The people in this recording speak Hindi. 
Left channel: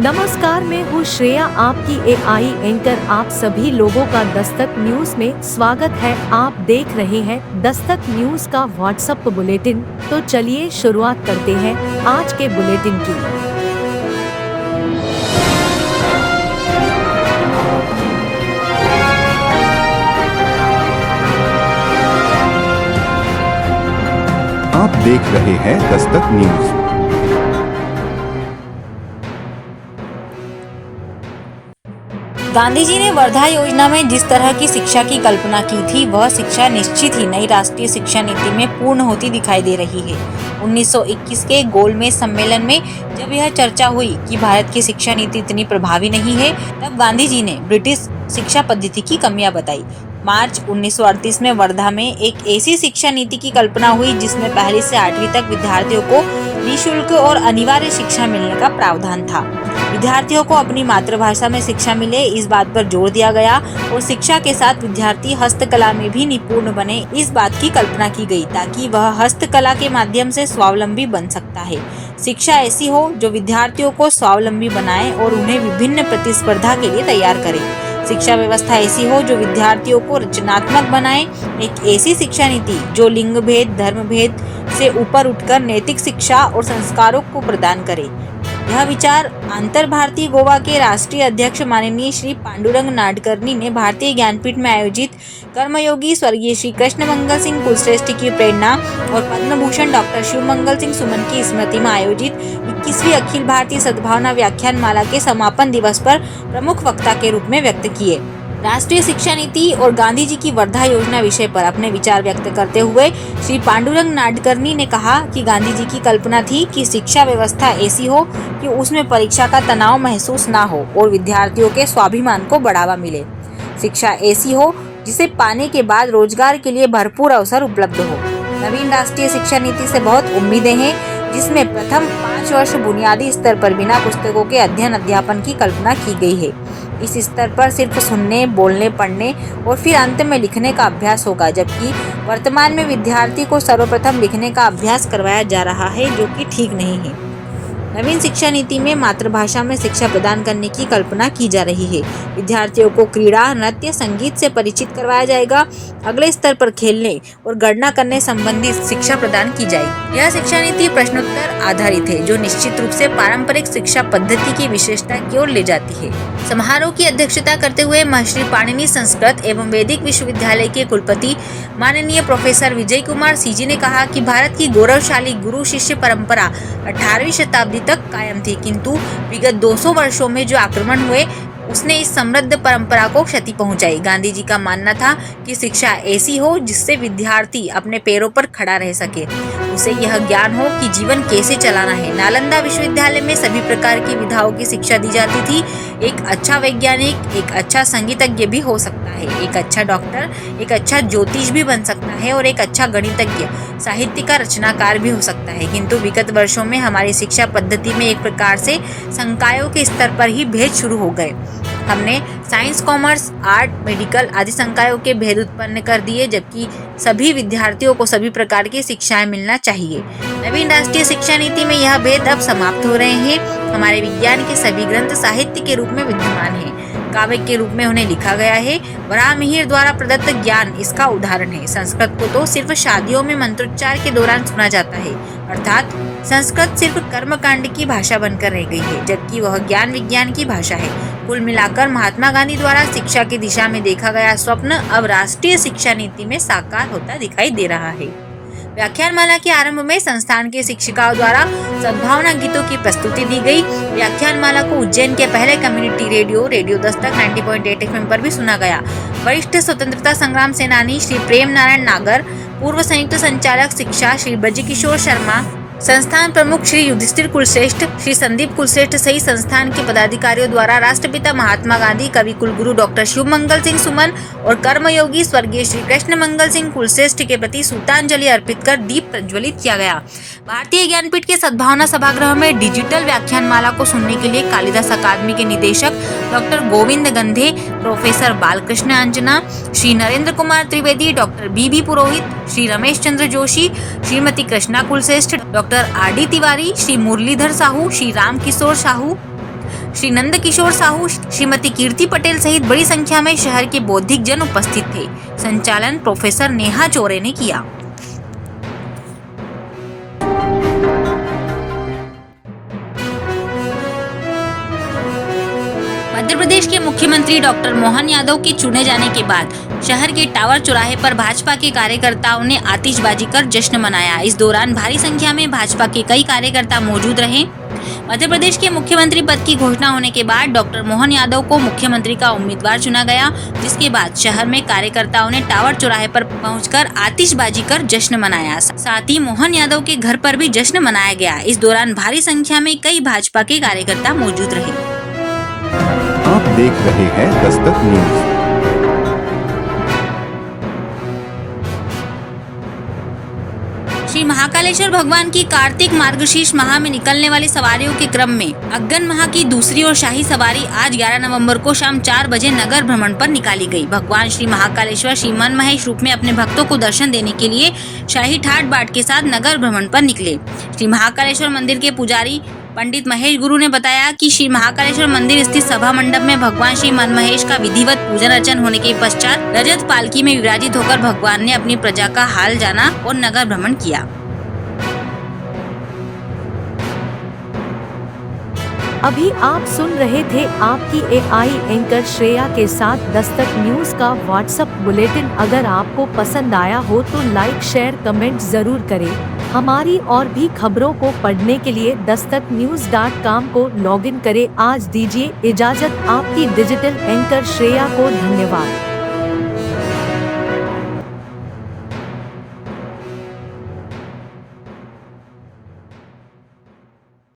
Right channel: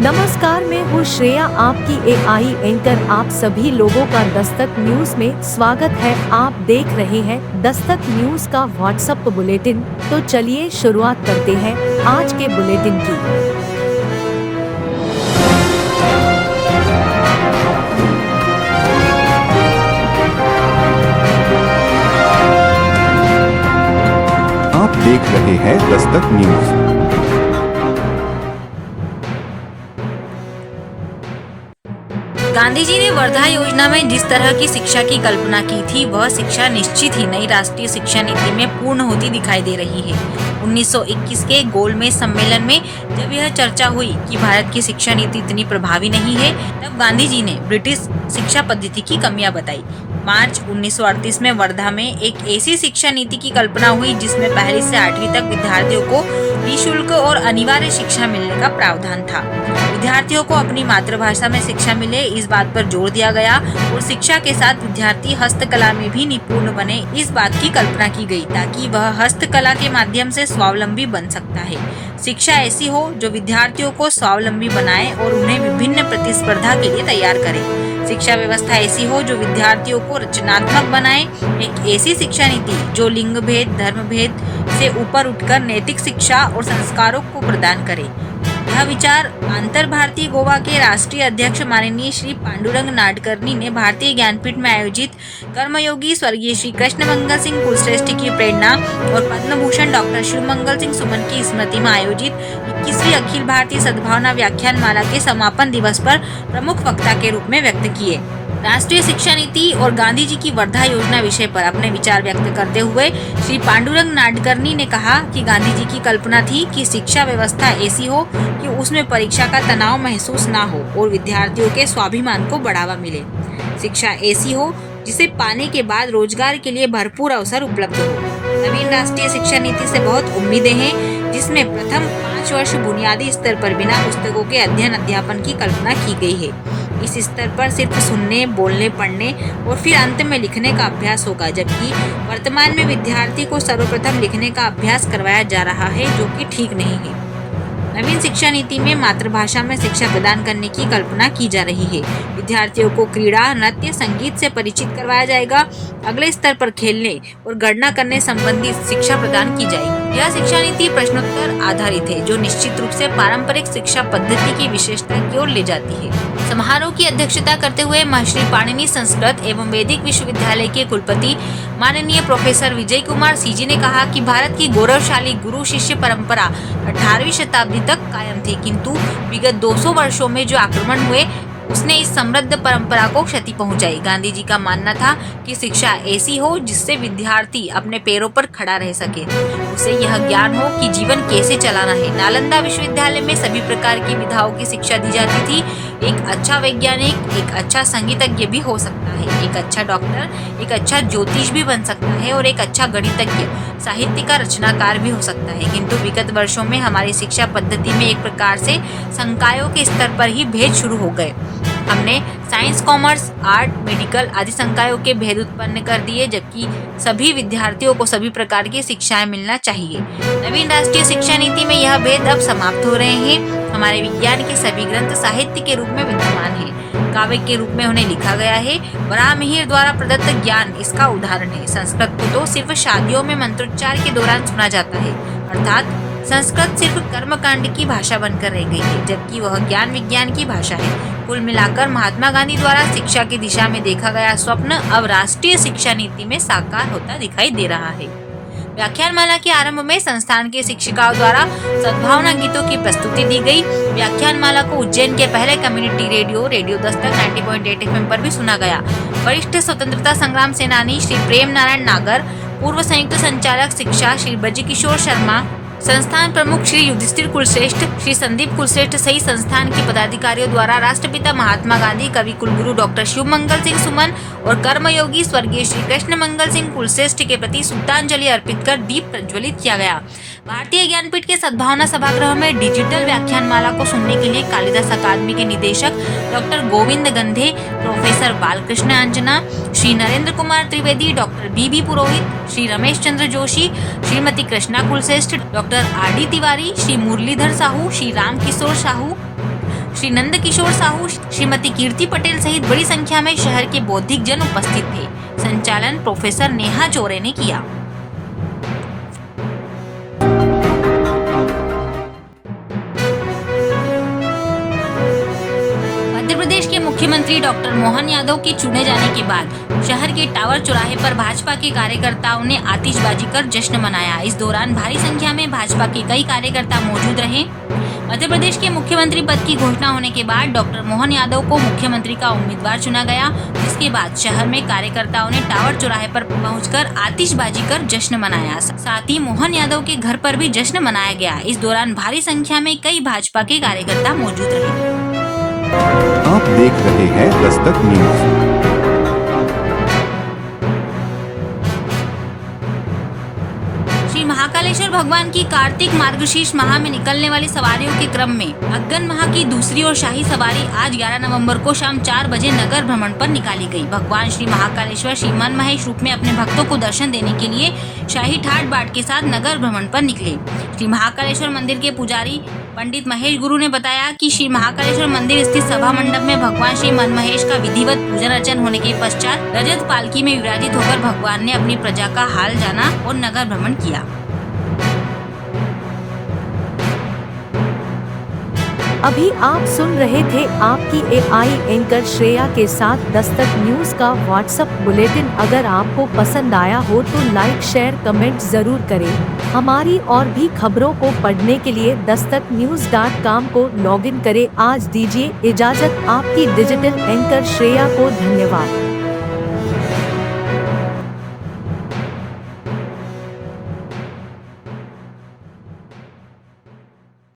नमस्कार, मैं हूँ श्रेया, आपकी एआई एंकर। आप सभी लोगों का दस्तक न्यूज में स्वागत है। आप देख रहे हैं दस्तक न्यूज का व्हाट्सएप बुलेटिन। तो चलिए शुरुआत करते हैं आज के बुलेटिन की। आप देख रहे हैं दस्तक न्यूज। गांधी जी ने वर्धा योजना में जिस तरह की शिक्षा की कल्पना की थी, वह शिक्षा निश्चित ही नई राष्ट्रीय शिक्षा नीति में पूर्ण होती दिखाई दे रही है। 1921 के गोलमेज सम्मेलन में जब यह चर्चा हुई कि भारत की शिक्षा नीति इतनी प्रभावी नहीं है, तब गांधी जी ने ब्रिटिश शिक्षा पद्धति की कमियां बताई। मार्च 1938 में वर्धा में एक ऐसी शिक्षा नीति की कल्पना हुई जिसमें पहली से 8वीं तक विद्यार्थियों को निःशुल्क और अनिवार्य शिक्षा मिलने का प्रावधान था। विद्यार्थियों को अपनी मातृभाषा में शिक्षा मिले, इस बात पर जोर दिया गया और शिक्षा के साथ विद्यार्थी हस्तकला में भी निपुण बने, इस बात की कल्पना की गई ताकि वह हस्तकला के माध्यम से स्वावलंबी बन सकता है। शिक्षा ऐसी हो जो विद्यार्थियों को स्वावलंबी बनाए और उन्हें विभिन्न प्रतिस्पर्धा के लिए तैयार करे। शिक्षा व्यवस्था ऐसी हो जो विद्यार्थियों को रचनात्मक बनाए। एक ऐसी शिक्षा नीति जो लिंग भेद, धर्म भेद से ऊपर उठकर नैतिक शिक्षा और संस्कारों को प्रदान करे। यह विचार अंतर भारतीय गोवा के राष्ट्रीय अध्यक्ष माननीय श्री पांडुरंग नाडकर्णी ने भारतीय ज्ञानपीठ में आयोजित कर्मयोगी स्वर्गीय श्री कृष्ण मंगल सिंह कुलश्रेष्ठ की प्रेरणा और पद्म भूषण डॉक्टर शिव मंगल सिंह सुमन की स्मृति में आयोजित 21वीं अखिल भारतीय सद्भावना व्याख्यान माला के समापन दिवस पर प्रमुख वक्ता के रूप में व्यक्त किए। राष्ट्रीय शिक्षा नीति और गांधी जी की वर्धा योजना विषय पर अपने विचार व्यक्त करते हुए श्री पांडुरंग नाडकर्णी ने कहा कि गांधी जी की कल्पना थी कि शिक्षा व्यवस्था ऐसी हो कि उसमें परीक्षा का तनाव महसूस ना हो और विद्यार्थियों के स्वाभिमान को बढ़ावा मिले। शिक्षा ऐसी हो जिसे पाने के बाद रोजगार के लिए भरपूर अवसर उपलब्ध हो। नवीन राष्ट्रीय शिक्षा नीति से बहुत उम्मीदें हैं, जिसमें प्रथम 5 वर्ष बुनियादी स्तर पर बिना पुस्तकों के अध्ययन अध्यापन की कल्पना की गई है। इस स्तर पर सिर्फ सुनने, बोलने, पढ़ने और फिर अंत में लिखने का अभ्यास होगा, जबकि वर्तमान में विद्यार्थी को सर्वप्रथम लिखने का अभ्यास करवाया जा रहा है, जो कि ठीक नहीं है। नवीन शिक्षा नीति में मातृभाषा में शिक्षा प्रदान करने की कल्पना की जा रही है। विद्यार्थियों को क्रीड़ा, नृत्य, संगीत से परिचित करवाया जाएगा। अगले स्तर पर खेलने और गणना करने संबंधी शिक्षा प्रदान की जाएगी। यह शिक्षा नीति प्रश्नोत्तर आधारित है, जो निश्चित रूप से पारंपरिक शिक्षा पद्धति की विशेषता की ओर ले जाती है। समारोह की अध्यक्षता करते हुए महर्षि पाणिनि संस्कृत एवं वैदिक विश्वविद्यालय के कुलपति माननीय प्रोफेसर विजय कुमार सीजी ने कहा कि भारत की गौरवशाली गुरु शिष्य परंपरा 18वीं शताब्दी तक कायम थी, किंतु विगत 200 वर्षों में जो आक्रमण हुए उसने इस समृद्ध परंपरा को क्षति पहुंचाई। गांधी जी का मानना था कि शिक्षा ऐसी हो जिससे विद्यार्थी अपने पैरों पर खड़ा रह सके, उसे यह ज्ञान हो कि जीवन कैसे चलाना है। नालंदा विश्वविद्यालय में सभी प्रकार की विधाओं की शिक्षा दी जाती थी। एक अच्छा वैज्ञानिक एक अच्छा संगीतज्ञ भी हो सकता है, एक अच्छा डॉक्टर एक अच्छा ज्योतिष भी बन सकता है और एक अच्छा गणितज्ञ, साहित्य का रचनाकार भी हो सकता है। किंतु विगत वर्षों में हमारी शिक्षा पद्धति में एक प्रकार से संकायों के स्तर पर ही भेद शुरू हो गए। हमने साइंस, कॉमर्स, आर्ट, मेडिकल आदि संकायों के भेद उत्पन्न कर दिए, जबकि सभी विद्यार्थियों को सभी प्रकार की शिक्षाएं मिलना चाहिए। नवीन राष्ट्रीय शिक्षा नीति में यह भेद अब समाप्त हो रहे हैं। हमारे विज्ञान के सभी ग्रंथ साहित्य के रूप में विद्यमान हैं, काव्य के रूप में उन्हें लिखा गया है। वराह मिहिर द्वारा प्रदत्त ज्ञान इसका उदाहरण है। संस्कृत को तो सिर्फ शादियों में मंत्रोच्चार के दौरान सुना जाता है, अर्थात संस्कृत सिर्फ कर्मकांड की भाषा बनकर रह गई है, जबकि वह ज्ञान विज्ञान की भाषा है। कुल मिलाकर महात्मा गांधी द्वारा शिक्षा की दिशा में देखा गया स्वप्न अब राष्ट्रीय शिक्षा नीति में साकार होता दिखाई दे रहा है। व्याख्यानमाला के आरंभ में संस्थान के शिक्षिकाओं द्वारा सद्भावना गीतों की प्रस्तुति दी गई। व्याख्यानमाला को उज्जैन के पहले कम्युनिटी रेडियो दस्तक 90.8 FM पर भी सुना गया। वरिष्ठ स्वतंत्रता संग्राम सेनानी श्री प्रेम नारायण नागर, पूर्व संयुक्त संचालक शिक्षा श्री ब्रजकिशोर शर्मा, संस्थान प्रमुख श्री युधिष्ठिर कुलश्रेष्ठ, श्री संदीप कुलश्रेष्ठ सहित संस्थान के पदाधिकारियों द्वारा राष्ट्रपिता महात्मा गांधी, कवि कुलगुरु डॉक्टर शिव मंगल सिंह सुमन और कर्मयोगी स्वर्गीय श्री कृष्ण मंगल सिंह कुलश्रेष्ठ के प्रति सूतांजलि अर्पित कर दीप प्रज्वलित किया गया। भारतीय ज्ञानपीठ के सद्भावना सभागृह में डिजिटल व्याख्यानमाला को सुनने के लिए कालिदास अकादमी के निदेशक doctor Govind Gandhe, professor Balkrishna Anjana, Shri Narendra Kumar Trivedi, doctor B Purohit, Shri Ramesh Chandra Joshi, Shrimati Krishna Kulshreshtha, doctor R D Tiwari, Shri Murlidhar Sahu, Shri Ram Kishore Sahu, Shri Nand Kishore Sahu, Shrimati Kirti Patel सहित बड़ी संख्या में शहर के बौद्धिक जन उपस्थित थे। संचालन प्रोफेसर नेहा चौरे ने किया। मध्य प्रदेश के मुख्यमंत्री डॉक्टर मोहन यादव के चुने जाने के बाद शहर के टावर चौराहे पर भाजपा के कार्यकर्ताओं ने आतिशबाजी कर जश्न मनाया। इस दौरान भारी संख्या में भाजपा के कई कार्यकर्ता मौजूद रहे। मध्य प्रदेश के मुख्यमंत्री पद की घोषणा होने के बाद डॉक्टर मोहन यादव को मुख्यमंत्री का उम्मीदवार चुना गया, जिसके बाद शहर में कार्यकर्ताओं ने टावर चौराहे पर पहुंचकर आतिशबाजी कर जश्न मनाया। साथ ही मोहन यादव के घर पर भी जश्न मनाया गया। इस दौरान भारी संख्या में कई भाजपा के कार्यकर्ता मौजूद रहे। आप देख रहे हैं दस्तक न्यूज। श्री महाकालेश्वर भगवान की कार्तिक मार्गशीर्ष माह में निकलने वाली सवारियों के क्रम में अग्गन माह की दूसरी और शाही सवारी आज 11 नवंबर को शाम 4 बजे नगर भ्रमण पर निकाली गई। भगवान श्री महाकालेश्वर श्री मनमहेश रूप में अपने भक्तों को दर्शन देने के लिए शाही ठाट बाट के साथ नगर भ्रमण पर निकले। श्री महाकालेश्वर मंदिर के पुजारी पंडित महेश गुरु ने बताया कि श्री महाकालेश्वर मंदिर स्थित सभा मंडप में भगवान श्री मनमहेश का विधिवत पूजन अर्चन होने के पश्चात रजत पालकी में विराजित होकर भगवान ने अपनी प्रजा का हाल जाना और नगर भ्रमण किया। अभी आप सुन रहे थे आपकी एआई एंकर श्रेया के साथ दस्तक न्यूज का व्हाट्सएप बुलेटिन। अगर आपको पसंद आया हो तो लाइक, शेयर, कमेंट जरूर करें। हमारी और भी खबरों को पढ़ने के लिए dastaknews.com को लॉगिन करें। आज दीजिए इजाजत। आपकी डिजिटल एंकर श्रेया को धन्यवाद।